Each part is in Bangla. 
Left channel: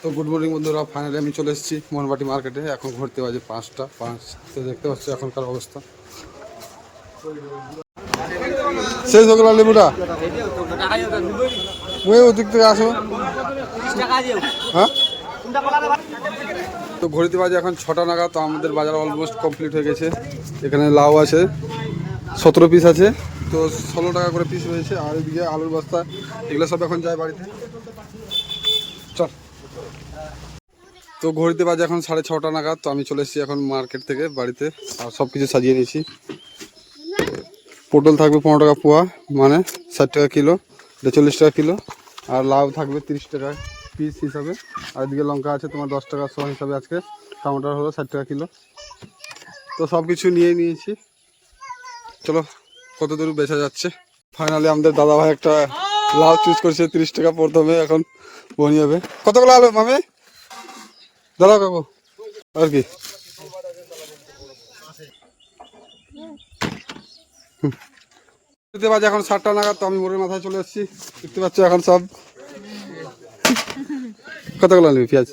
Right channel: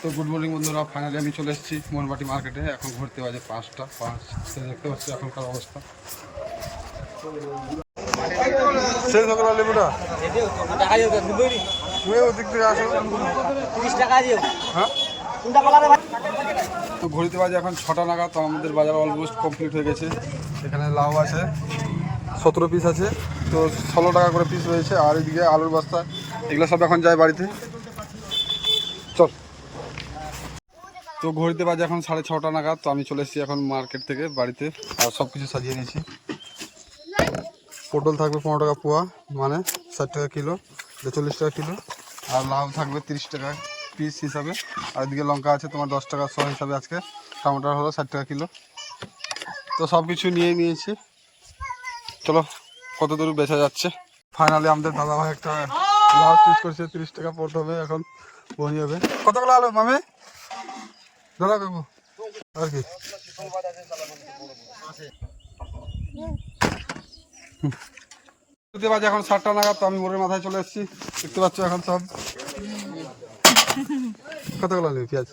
তো গুড মর্নিং বন্ধুরা, ফাইনালি আমি চলে এসেছি মোহনবাটি মার্কেটে। এখন ঘুরতে বাজে 5টা 5। তো দেখতে পাচ্ছি এখনকার অবস্থা শেষ হয়ে গেল। লেবুটা ওদিক থেকে আসো। হ্যাঁ, তো ঘড়িতে বাজে এখন 6টা নাগাদ। তো আমাদের বাজার অলমোস্ট কমপ্লিট হয়ে গেছে। এখানে লাউ আছে 17 পিস আছে, তো 16 টাকা করে পিস রয়েছে। আর এদিকে আলুর বস্তা, এগুলো সব এখন যায় বাড়িতে। চল। তো ঘড়িতে বাজে এখন 6:30 নাগাদ। তো আমি চলে এসেছি এখন মার্কেট থেকে বাড়িতে, আর সব কিছু সাজিয়ে নিয়েছি। পটল থাকবে 15 টাকা পোয়া, মানে 60 টাকা কিলো, এটা 40 টাকা কিলো। আর লাউ থাকবে 30 টাকা পিস হিসাবে। আর এদিকে লঙ্কা আছে তোমার 10 টাকা শ হিসাবে। আজকে টমেটোর হলো 60 টাকা কিলো। তো সব কিছু নিয়ে নিয়েছি। চলো কত দূর বেচা যাচ্ছে। ফাইনালি আমাদের দাদাভাই একটা লাউ চুজ করছে 30 টাকা প্রথমে, এখন বনি হবে। কতগুলো আলু মামে দাঁড়াও কাকু, আর কি বাজে এখন 7টা নাগাদ। তো আমি মোড়ের মাথায় চলে এসেছি, দেখতে পাচ্ছ এখন সব। কতগুলো আলু পেঁয়াজ?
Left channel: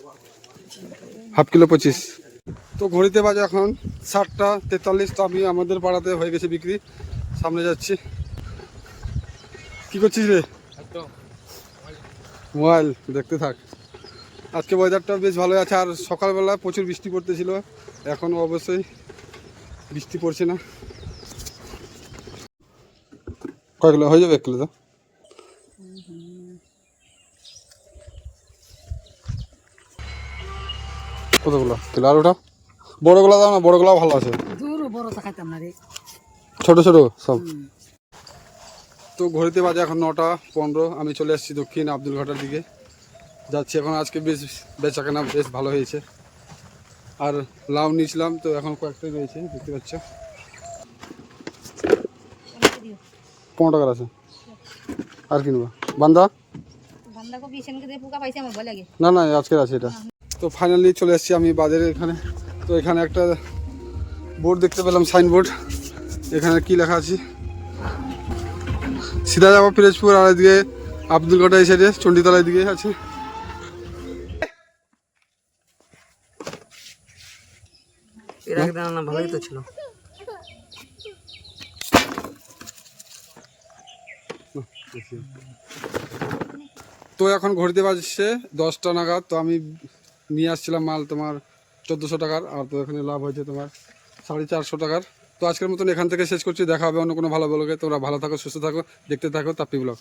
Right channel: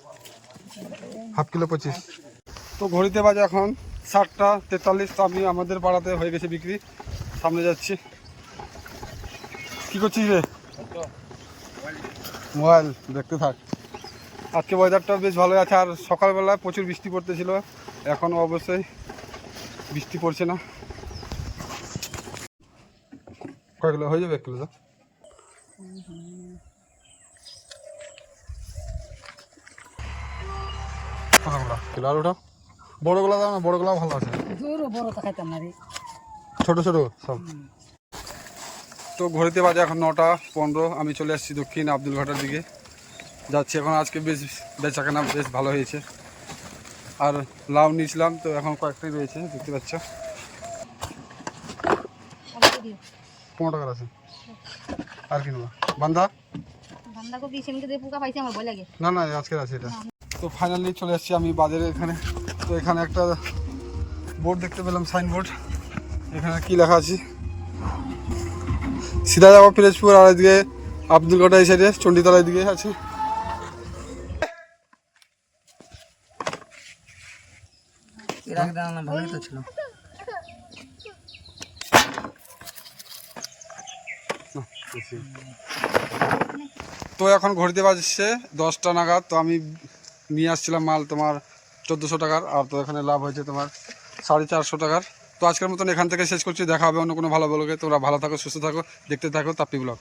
Half kilo 25। তো ঘড়িতে বাজে এখন 7:43। তো আমি আমাদের পাড়াতে হয়ে গেছে বিক্রি, সামনে যাচ্ছি। কি করছিস রে? মোবাইল দেখতে থাক। আজকে ওয়েদারটা বেশ ভালোই আছে, আর সকালবেলা প্রচুর বৃষ্টি পড়তেছিল, এখন অবশ্যই বৃষ্টি পড়ছে না। কয় কিলো হয়ে যাবে? 1 কিলো। তো কতগুলো কিলো? আর ওটা বড়গুলো দাও না, বড়গুলো ভালো আছে। ছোট ছোট সব। তো ঘড়িতে বাজে এখন 9:15। আমি চলে আসছি দক্ষিণ আব্দুল ঘাটার দিকে যাচ্ছি এখন। আজকে বেশ বেচাকেনা বেশ ভালো হয়েছে। আর লাউ নিয়েছিলাম, তো এখন কয়েকটাই রয়েছে, দেখতে পাচ্ছ। 15 টাকার আছে। আর কিনবো বান্দা না না, আজকের আছে এটা। তো ফাইনালি চলে এসেছি আমি বাজারে এখানে। তো এখানে একটা বোর্ড দেখতে পেলাম, সাইনবোর্ড। এখানে কি লেখা আছে? সিধা যাবো পিরোজপুর, আর এদিকে আব্দুল ঘাটা এই সাইডে চণ্ডীতলার দিকে আছে। তো এখন ঘড়িতে বাজছে 10টা নাগাদ। তো আমি নিয়ে আসছিলাম মাল তোমার 1400 টাকার, আর তো এখানে লাভ হয়েছে তোমার 450 টাকার। তো আজকের মতন এখান থেকে শেষ করছি। দেখা হবে অন্য কোনো ভালো ব্লগে। তোমরা ভালো থাকো, সুস্থ থাকো, দেখতে থাকো তাপ্পি ব্লগ।